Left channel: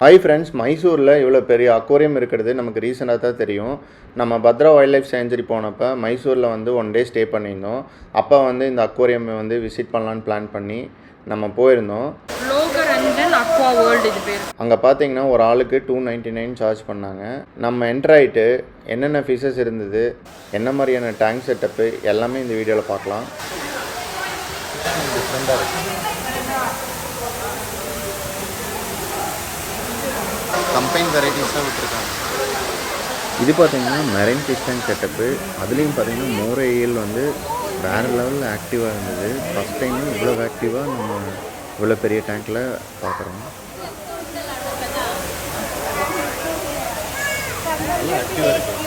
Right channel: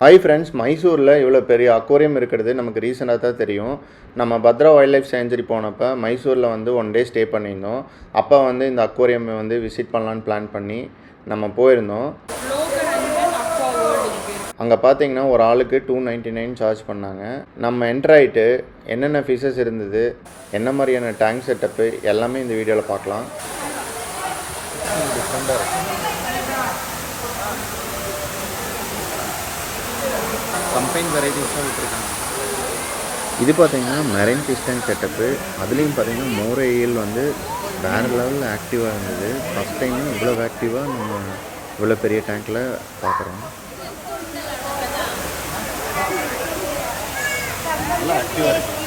Hi friends, மைசூரில் இவ்வளோ பெரிய அக்வாரியம் இருக்கிறது நமக்கு ரீசெண்டாக தான் தெரியும். நம்ம பத்ரா வைல்ட் லைஃப் சேஞ்சுரி போனப்போ மைசூரில் வந்து 1 டே ஸ்டே பண்ணியிருந்தோம். அப்போ வந்து இந்த அக்வாரியம் வந்து விசிட் பண்ணலான்னு பிளான் பண்ணி நம்ம போயிருந்தோம். அங்கே பார்த்தீங்கன்னா ஒரு ஆளுக்கு 299 சார்ஜ் பண்ணாங்க. நம்ம என்டர் ஆகிட்டு என்னென்ன ஃபிஷஸ் இருந்தது, என்ன மாதிரியான டேங்க் செட்டப்பு எல்லாமே இந்த வீடியோவில் பார்க்கலாம். டிஃப்ரெண்ட்டாக இருக்குது. கம்பைன் வெரைட்டிஸாக விட்டுருக்காங்க. இது பார்த்தீங்கன்னா மெரைன் ஃபிஷ் டேங்க் செட்டப்பு. அதுலேயும் பார்த்தீங்கன்னா மோரையில் வந்து வேறு லெவலில் ஆக்டிவாக இருந்தது. ஃபஸ்ட் டைம் இவ்வளோ ஆக்டிவாக நம்ம இவ்வளோ பெரிய டேங்க்கில் பார்க்குறோம். நல்லா ஆக்டிவாக இருக்குது.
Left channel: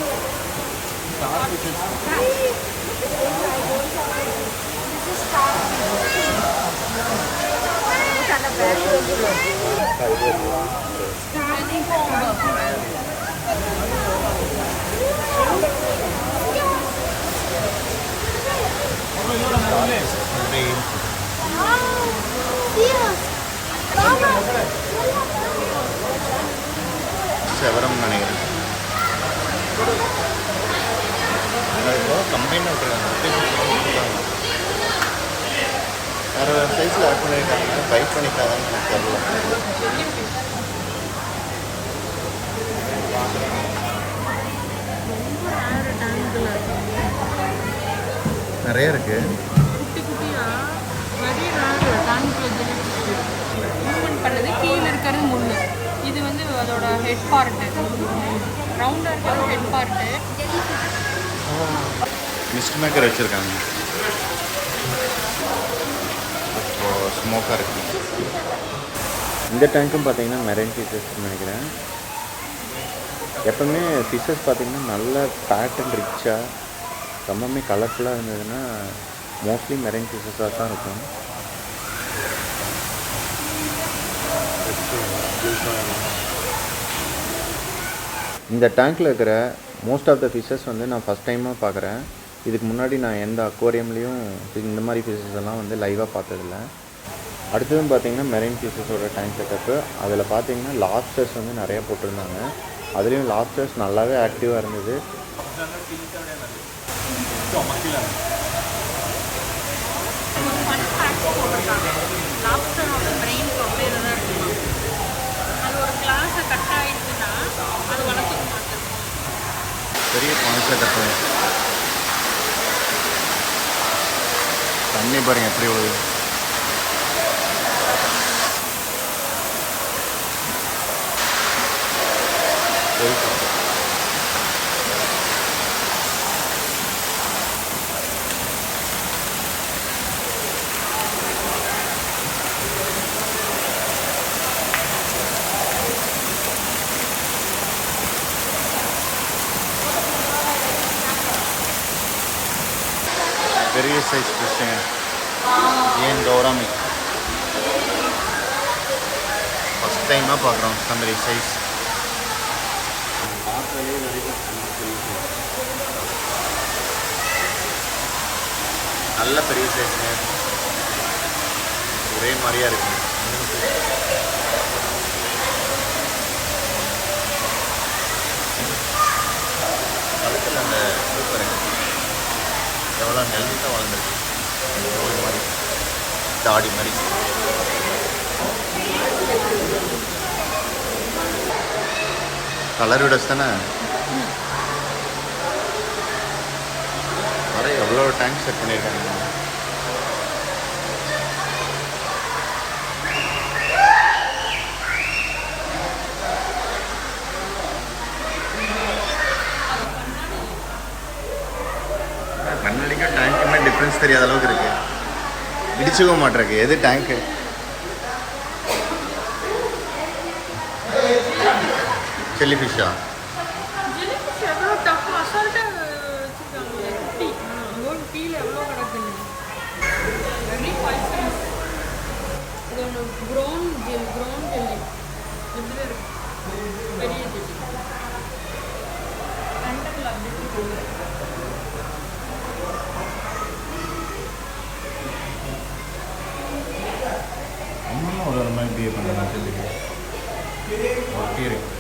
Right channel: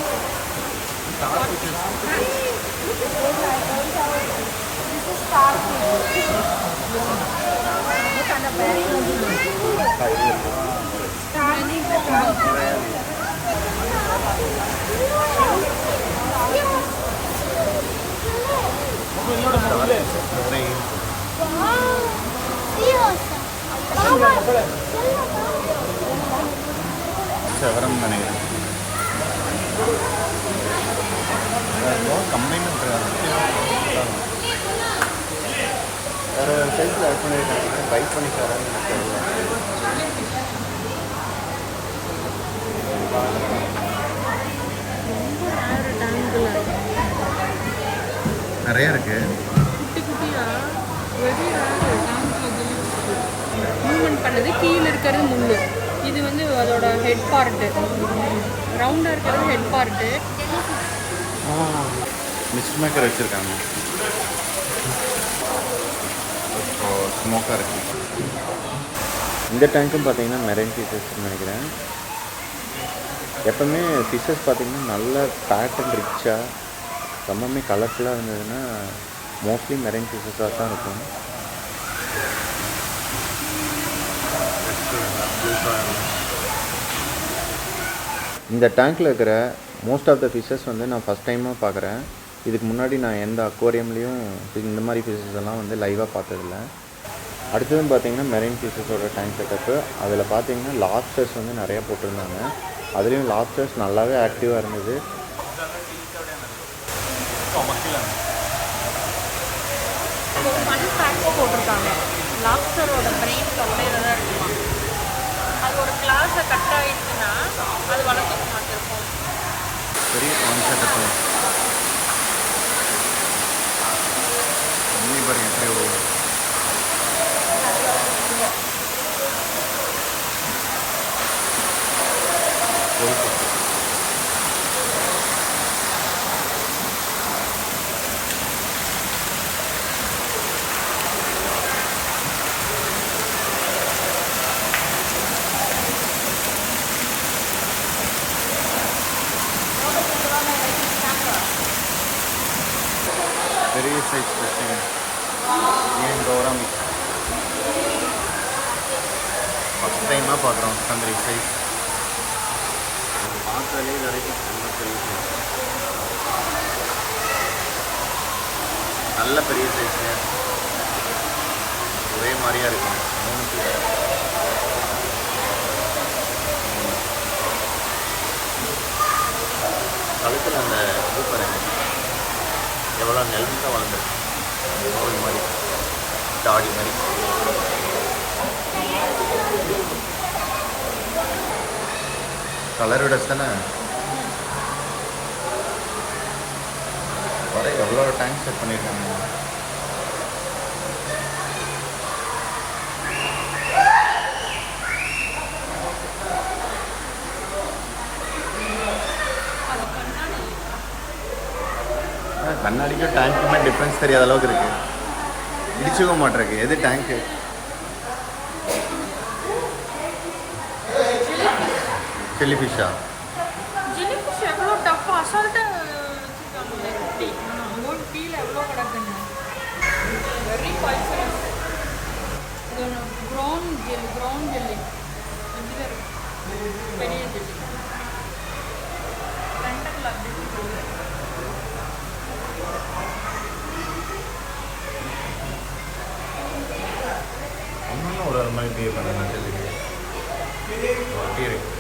செவரம் நினைக்கிறேன். கம்பைன் விட்டுருக்காங்க. வேறு சைஸில் ஆட் பண்ணியிருக்காங்க. பைட் பண்ணிக்காதான்னு எனக்கு தெரியல. நிறைய இருக்கு. மூவ்மெண்ட் பண்ணது கீழே இருக்கிறது முள்ளு. இது வந்து அதோட ஹெட் பார்ட்டு. ரவுண்டாக இருக்கிறது ஹெட் பார்ட்டு. மிஸ்ட் மேக்கர் வச்சுருக்காங்க. ஸ்மோக்காக இருக்குது. இந்த டேங்க்கும் பார்த்தீங்கன்னா மெரைன் ஃபிஷஸ்ன்னு நினைக்கிறேன். எப்போவுமே ஃபிஷஸ் பார்த்திங்கன்னா நல்ல பேட்டர்ன் ரிச்சாக ரொம்பவுமே கலர்ஃபுல்லாக இருந்ததுன்னா மோஸ்ட்லி மெரைன் ஃபிஷஸாக தான் இருக்கும். இந்த டேங்க்கில் இருக்கிற மோஸ்ட் ஆஃப் த ஃபிஷஸ் வந்து நான் ஃபஸ்ட் டைமாக பார்க்குறேன். இதுக்கு முன்னாடி நான் எந்த அக்வாரியம்லேயும் இந்த மாதிரி ஃபிஷஸ் எல்லாம் வந்து லைவாக பார்த்ததில்ல. அடுத்ததும் பார்த்திங்கன்னா மெரைன் ஃபிஷஸோட டேங்க் செட்டப்பு. அதில் பார்த்திங்கன்னா லாப்ஸ்டர்ஸ் வந்து நிறையா போட்டிருந்தாங்க. அதுலேயும் லாப்ஸ்டர்ஸ் நல்லாவே ஆக்டிவாக இருந்தது. பெரிய கான்செப்ட். தண்ணி பாருங்க எப்படி விழுது. போயிட்டு பெரிய சைஸ் ஃபிஷ்ஷுங்க. ஏன் கௌராமி ஃபஸ்ட் டைமாக பார்க்குறோம். தம்பரி சைஸ் பார்த்தாலே நிறைய நல்ல பெரிய சைஸுங்க. ஒரே மாதிரியாக இருக்குங்க. 3 பீஸ். கழுத்தில் அந்த இது பாருங்க எவ்வளோ நெல்ஸாக வளர்ந்துருக்கு. நோய் மாதிரி தாடி மாதிரி. கலர் விடஸ் தானே வர. எவ்வளோ டேங்க் செட் பண்ணியிருக்காங்க. கண்ணாடிக்கும் டேங்க்குமே டிஃப்ரென்ஸ் தெரியாத அளவுக்கு இருக்குது. இடிச்சுக்க மாட்டிருக்கு. எது டேங்க்கு? ஜெல்லி ஃபிஷ்ஷா? கீழே எவ்வளோ கிடக்குங்க. பெரிய ஜெல்லி டென்டபிள் அப்படி போகுது. இன்னும் ஒரு மாதிரி பிஹேவ் பண்ணலாம் ஜெல்லிக்கு ஓகே இருக்கு.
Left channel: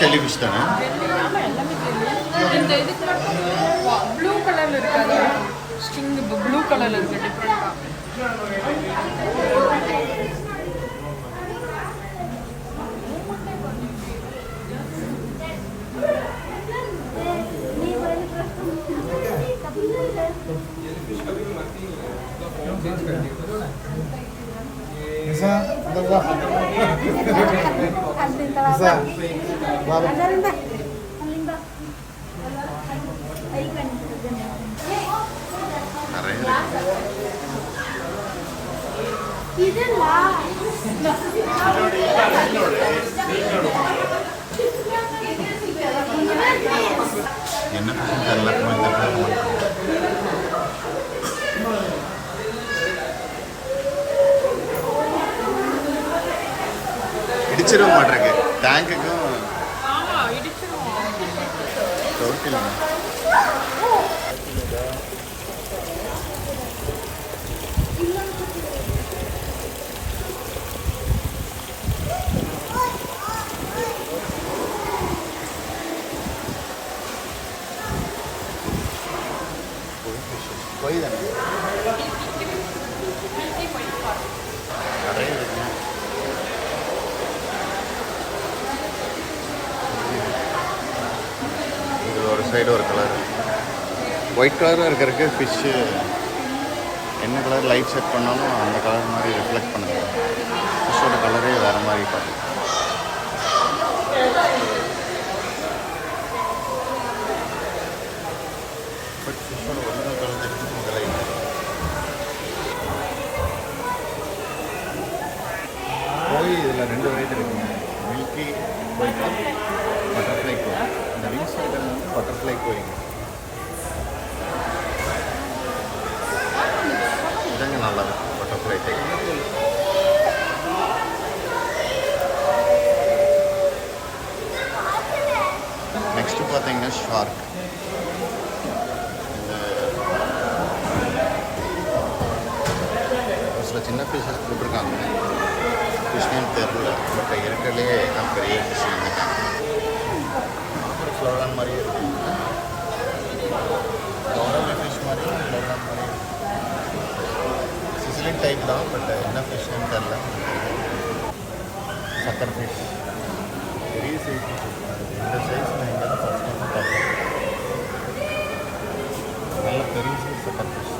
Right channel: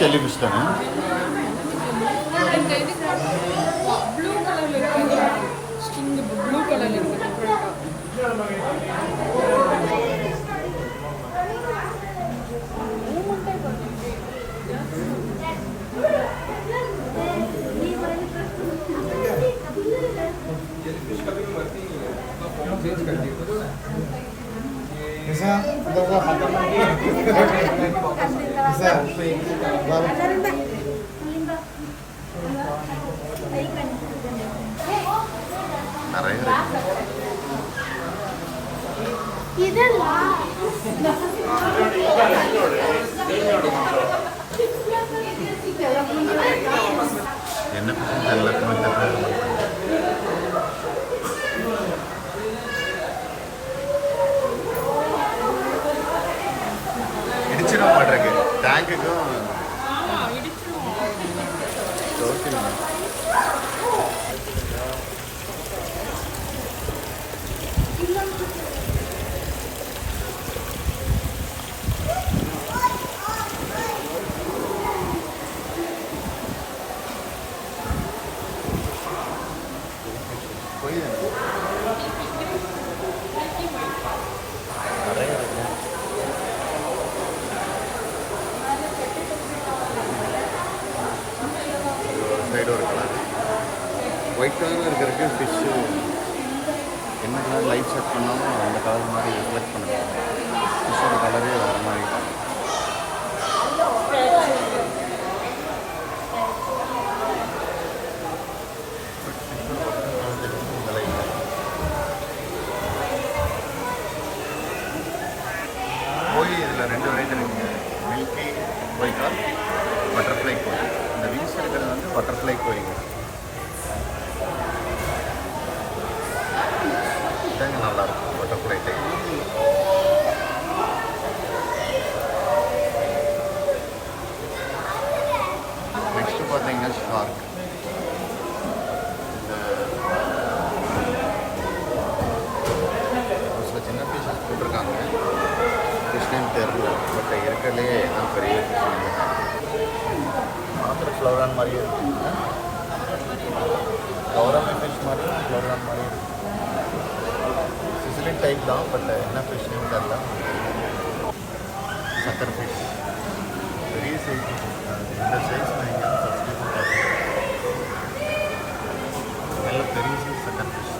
ஜெல்லி ஃபிஷ் தானே? இந்த இது ப்ளூ கலரில் இருக்காது, ஸ்டிங் ப்ளூ கலரில் இருக்குது நிறைய இருக்கு. என்ன பிரச்சனை எல்லாருக்குமே தெரிஞ்சு இடிச்சிட மாட்டேருக்கு டேங்குக்கும் டோட்டலுங்க. போய் நிறைய இருக்குங்க. ஒரு சைடு ஒரு கலர் ஒயிட் கலராக இருக்கிறதுக்கு ஃபிஷ்ஷு என்ன கலர் லைட் செட் பண்ணாலும் அந்த கலர் மாதிரி ரிஃப்ளெக்ட் பண்ணுங்க. ஃபிஷ்ஷோட கலரே வேறு மாதிரி பார்க்குது. பட் ஃபிஷ்ஷோட ஒரிஜினல் கலர் தெரிஞ்சு இதெல்லாம் இல்லை. கோழி இதில் 2 வெரைட்டி இருக்குங்க. மில்கி கோழி கால், பட்டர்ஃப்ளை கோழி. இந்த விங்ஸ் இருக்கிறது வந்து பட்டர்ஃப்ளை கோழிங்க. இதாங்க நல்லாயிருக்கும் பட்டர்ஃப்ளை டைப். நெக்ஸ்ட்டு பார்த்தீங்கன்னா ஷார்க். இந்த ஒரு சில சின்ன பீசஸ் போட்டிருக்காங்க, ஃபிஷ் நேம் தெரில. பட் இருக்கிறதுலே தான் பெரிய ஃபிஷ் வந்துட்டாங்க. பார்க்குற ஃப்ளவரான் மாதிரியே இருக்குங்க. கௌரவ ஃபிஷ் மாதிரியும் ஃப்ளவரான் மாதிரியும் இருக்குது. சிசிலின் டைப் தான், பட் என்ன ஃபிஷ் நேம் தெரில. சக்கர் ஃபிஷ் பெரிய சைஸ். இந்த சைஸ் நான் இங்கே தான் ஃபஸ்ட் டைம் பார்த்தேன். நல்ல பெரிய size sucker fish.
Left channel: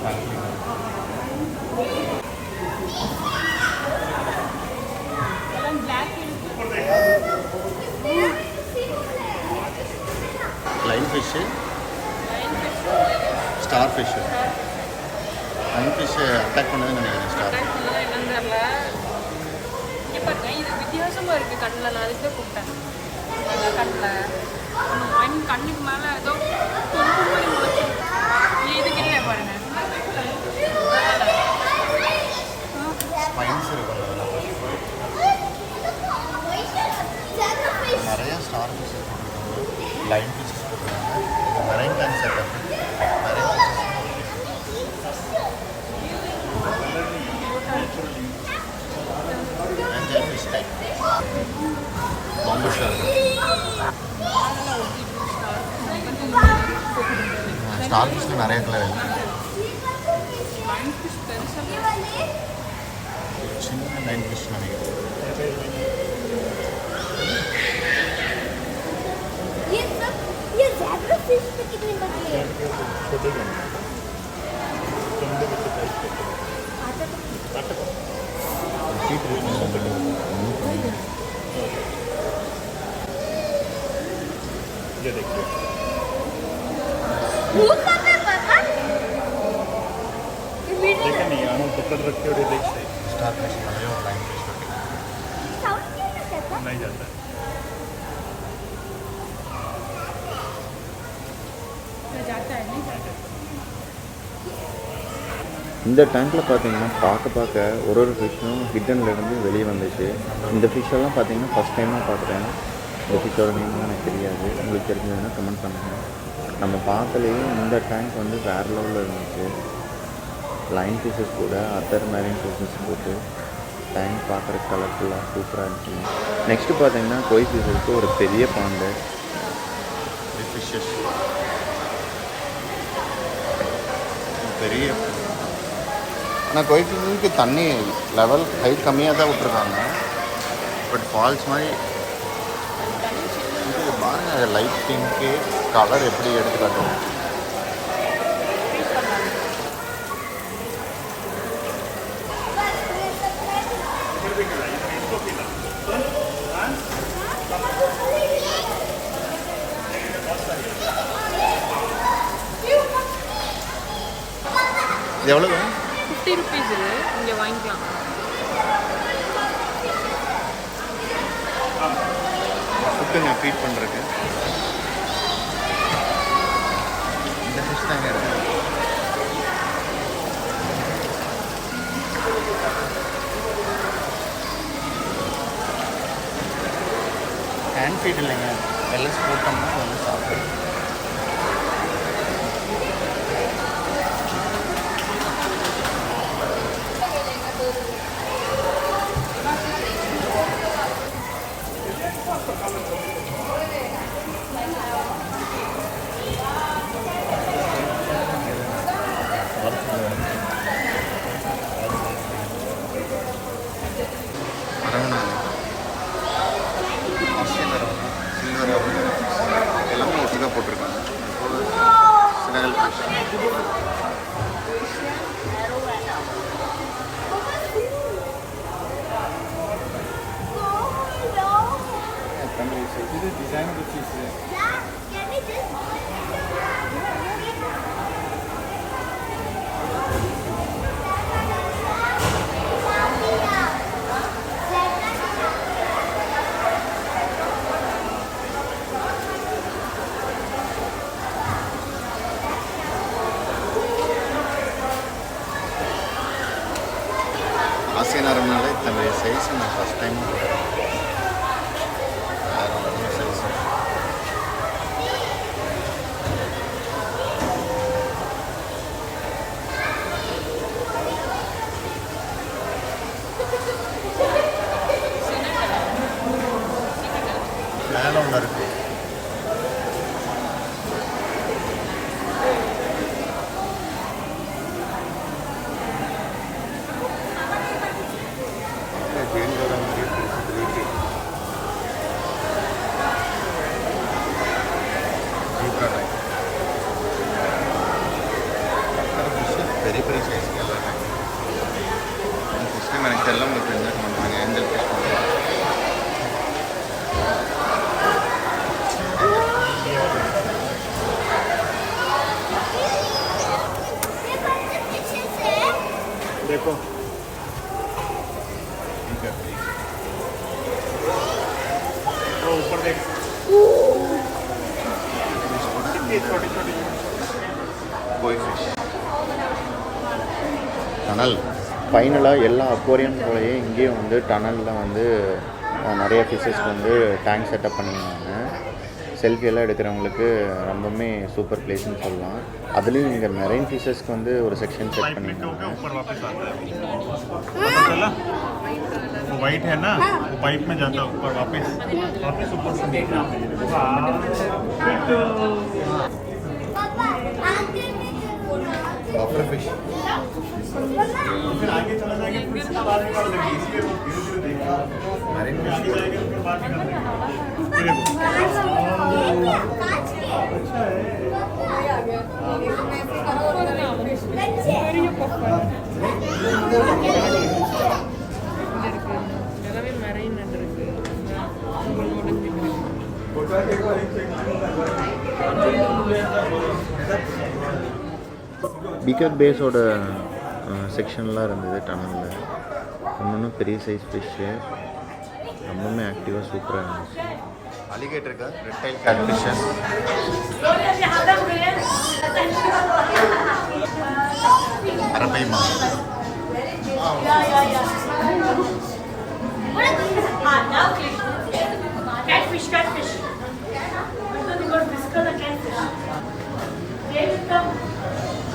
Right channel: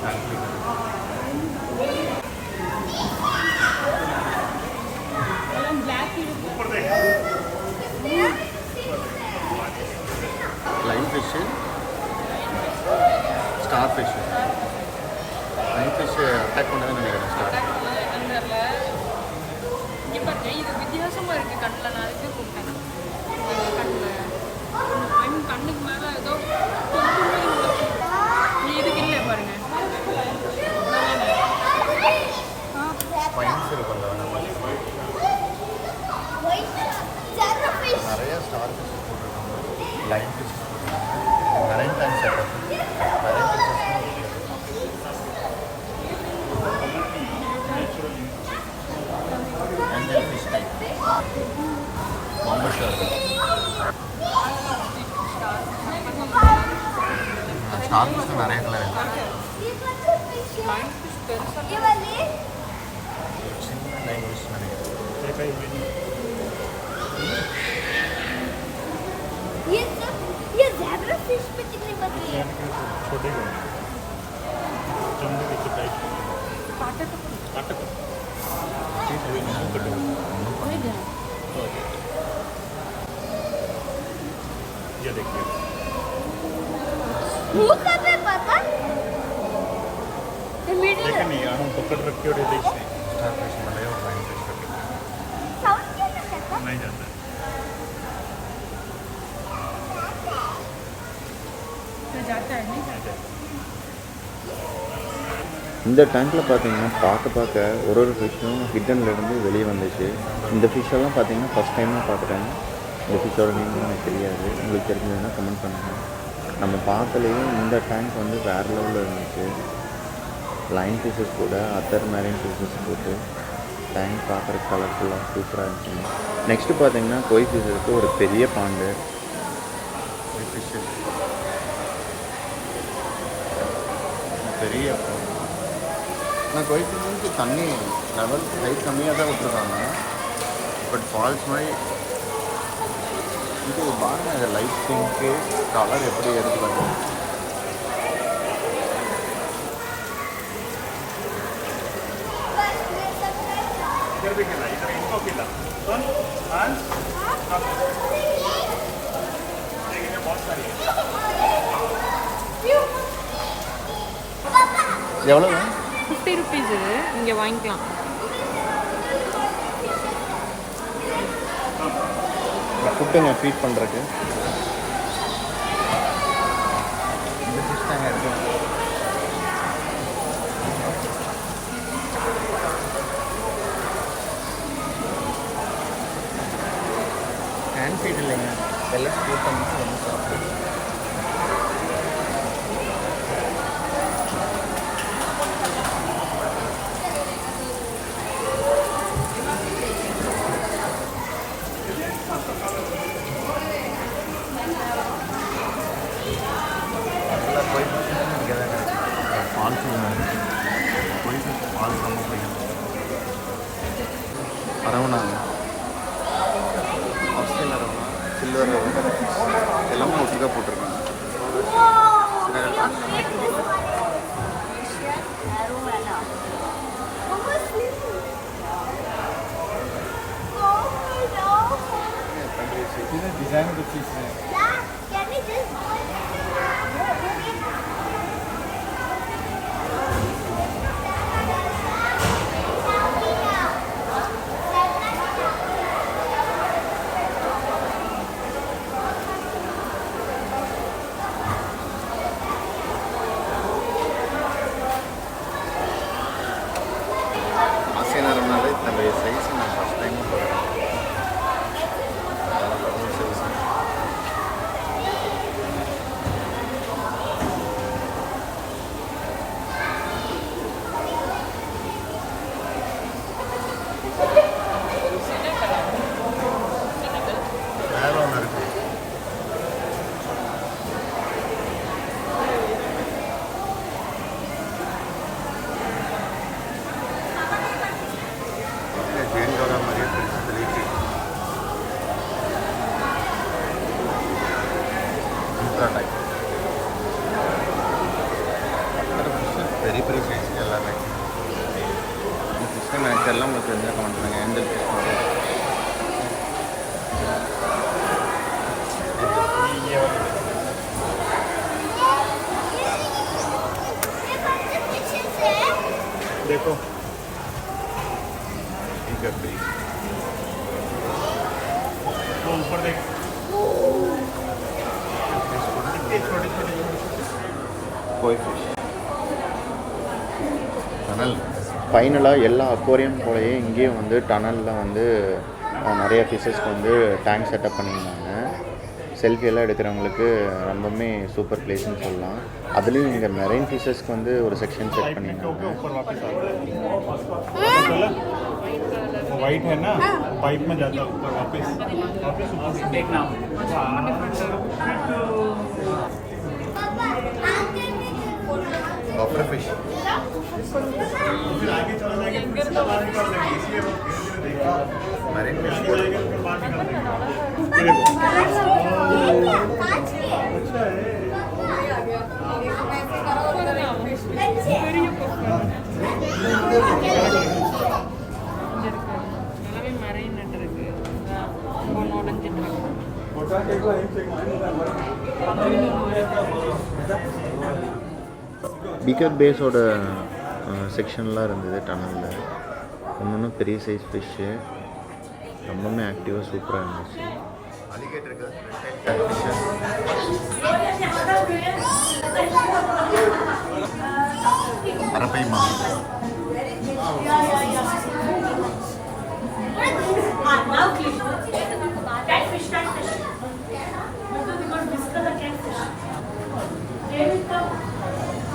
Line fish, star fish. Line fish attack பண்ணதுன்னு நினைக்கிறேன். ஸ்டார் இங்கே பாருங்க, இது வித்தியாசமாக இருக்குது கண்ணில். நான் அதுக்கு கூப்பிட்டேன் கண்ணில். ஐ மீன் கண்ணுக்கு மேலே ஏதோ கொஞ்சம் மாதிரி இதுக்கு இல்லை பாருங்க. ஸ்பைன்ஸ் இருக்கும் அந்த வேணாம். நிறையா ஸ்டார் ஃபிஷ்ஷஸ் போட்டிருக்காங்க, லைன் ஃபிஷ்ஷஸ் போட்டிருக்காங்க. Marine time setup. Marine fishes angel fish type. Bombay shark. Star ஃபிஷ்ஷில் நிறைய கலர் இருக்குது. சின்ன லைன் ஃபிஷ் நினைக்கிறேன். छोटे ये देखिए देखा नहीं यार हम पकड़ रखते हो देख से स्टार फिश वाले और लाइन फिश करके नहीं जाता जाता है नहीं जाता இந்த டேங்க்கில் பார்த்தீங்கன்னா பார்க்க ஒரு ஃபிஷ்ஷும் ஹிட்டன்லேருந்து வெளியே வந்துச்சு. இந்த ஃபிஷ்ஷெல்லாம் பார்த்தீங்கன்னா ஃபஸ்ட் டைமாக பார்க்குறேன். இந்த ஃபிஷ்ஷோட நேம்லாம் எனக்கு தெரியாது. உங்களுக்கு தெரிஞ்சதுன்னா கமெண்ட் பண்ணுங்கள். நம்ம பார்த்தலையே இந்த டேங்க் வந்து வேறு லெவலில் இருந்துச்சு. லைன் ஃபிஷ்ஷஸ் கூட அதர் மேரின் ஃபிஷ்ஷஸ் போட்டு டேங்க் பார்க்குறதுக்கு கலர்ஃபுல்லாக சூப்பராக இருந்துச்சுங்க. நெக்ஸ்ட்டு பார்த்தீங்கன்னா கோய் ஃபிஷ்ஷஸ்க்கு ஒரு பெரிய பாண்டு ஃபிஷ்ஷஸ் பெரிய. ஆனால் கோய் ஃபிஷ்ஷுக்கு தண்ணி லெவல் ஹைட் கம்மியாக தான் விட்ருக்காங்க. பட் ஃபால்ஸ் மாதிரி இது பாருங்கள், லைட் பிங்க்கு கலர் எப்படி எடுத்து காட்டுது. இது எவ்வளவு? 50 rupees இங்கே வாங்கிக்கலாம். ஃபுட்டுங்க ஃபீட் பண்ணுறதுக்கு இந்த ஃபிஷ் தாங்க இருக்குது. ஹேண்ட் ஃபீட் இல்லைங்க, பெல்லட்ஸ் போட்டோம்னா அது வந்து சாப்பிட்டு. அரவணாங்க, ஆஸ்திரேலியன் அரவணா, சில்வர் அரவணா எல்லாமே ஒட்டுக்காக போட்டிருக்காங்க. சினகல் ஃபிஷ் இது டிசைன் ஃபிஷ் ஆசியன் அரவணால இத்தனை சைஸ் நான் ஃபஸ்ட் டைமாக பார்க்குறேன். வேறு லெவல் சைஸ். மேலே ஒன்று இருக்குது. பெரிய பெரிய சைஸ் எல்லாமே. இந்த ஃபிஷ் டைம் எனக்கு எல்லாம் உங்களுக்கு தெரிஞ்சால் கமெண்ட் பண்ணுங்கள். ஏஞ்சல் ஃபிஷ் பண்ணுறேன். देखो तो ऊपर देख கோய் ஃபிஷ் டனல். ஃபைனலாக எல்லா அக்வாரியம் போலயே இங்கேயும் வந்து டனலில் வந்து நிறைய ஃபிஷ்ஷஸ்க்கு வந்து டேங்க் செட்டப் பண்ணியிருந்தாங்க. செல்ஃபியெல்லாம் எடுக்கிறவங்களுக்கு ரொம்பவுமே சூப்பர் பிளேஸ்ன்னு சொல்லலாம். அதுலேயும் இங்கே மெரைன் ஃபிஷஸ்க்கு வந்து ஒரு செக்ஷன் செட் பண்ணியிருந்தாங்க. वाइट है ना, वाइट में जाता ऊपर वापस ऊपर से देखना बफर फिश फिर आगे चला जाएगा, फिर इसका बात कर देंगे, इसलिए वो धीरे-धीरे देखिए मरीन फिश आगे जाएगा फिर बात कर देंगे। ये देखो अच्छा है। பெரிய கொக்கன் எல்லாமே மரைன் இருக்கு பிகர் பேஸோட செக்ஷன்லாம் இருந்தது டனலில். ஒன்று பெரிய சைஸ் ஃபிஷ்ஷு, ரொம்பவுமே ஆக்டிவாக சூப்பராக இருந்துச்சு. அலிகேட்டருக்கு ரெட் டைல் கேட்ஃபிஷ்ஷு, அரப்பைமா,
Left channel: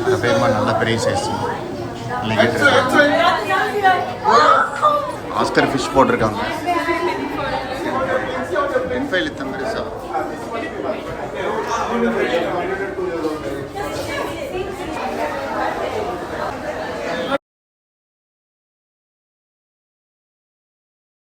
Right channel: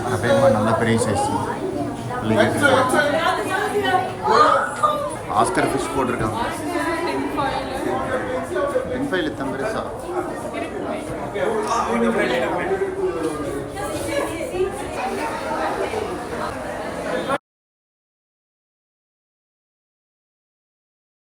அரப்பைமா நல்ல பெரிய சைஸ் அலிகேட்டர். ஆஸ்கர் ஃபிஷ் போட்டிருக்காங்க. டென்ஃபைல் இத்தனை பெருசா